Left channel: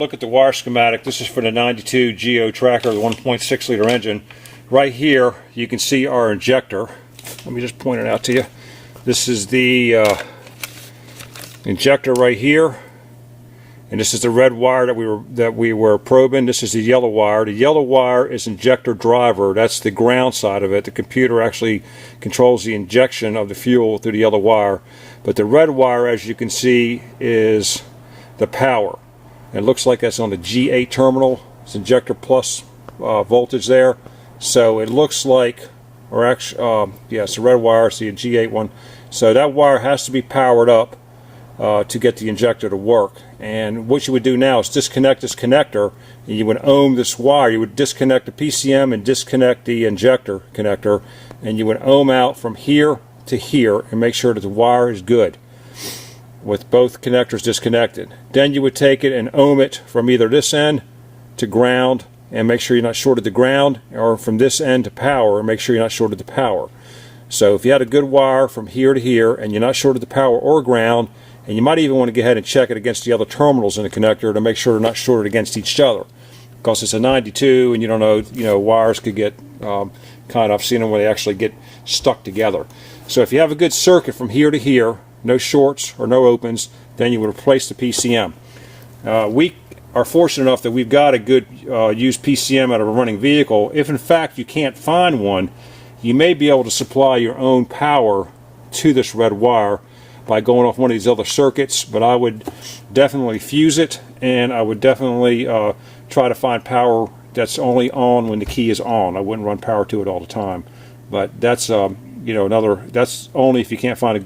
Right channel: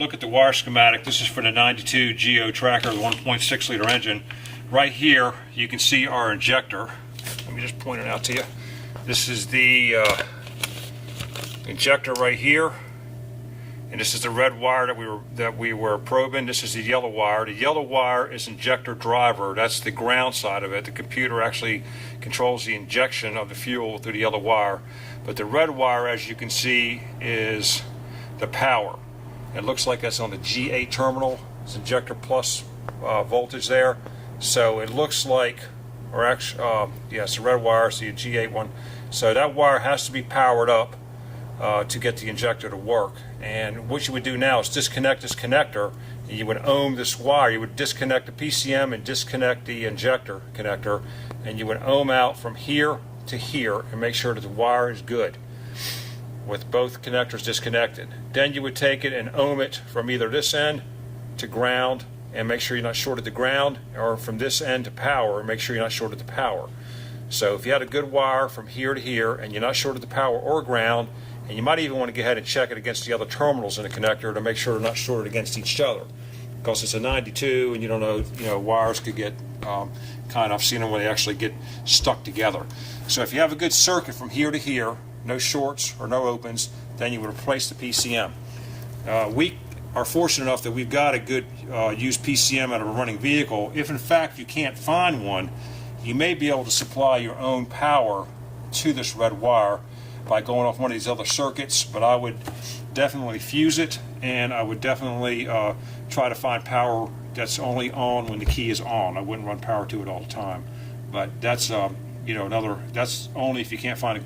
Look at the wire schematic. This is for the 92 Geo Tracker, the 1.6 liter engine. Right here you can see our injector. Let me just point it out to you. This is the injector right here, and this is the red wire that we were probing. This is the yellow wire. The yellow wire is injector driver. That's the ground side of it. The computer actually controls the injection of the fuel through the yellow wire. But the red wire, as you can see, is the power. It looks like that's on the G8 terminal. It's injector plus voltage there. So it looks like, or actually, yeah, it's the red wire, it's the G8 one. So that wire has to be powered up to get the injector to work. And what you would do now is disconnect this connector, and you would ohm this wire. You would disconnect the PCM and disconnect the injector connector, and you would ohm out from here to here and make sure that the wire is good with both connectors disconnected. Then you would take it and ohm it from either this end to ground and make sure you're not shorted to ground, or from this end to power and make sure you're not shorted to power. So if you had a good wire from here to here and you're not shorted to power or ground, and you might even want to go ahead and check it against the other terminals in the connector to make sure they're not shorted against each other, because it's a 92 and you don't know, wires could get I've seen them where they actually get stuck together. So if you have a good circuit from here to here, no shorts or no opens, then you would replace the PCM. We are fortunate enough that we've got a good used PCM out of a running vehicle. If in fact you can't find one, you may be able to supply your own power to this red wire by going off one of these other circuits, but I would definitely fuse it, and I would definitely try to find power that's only on when the key is on. I wouldn't run power to it all the time. But that's that's only if you can't find a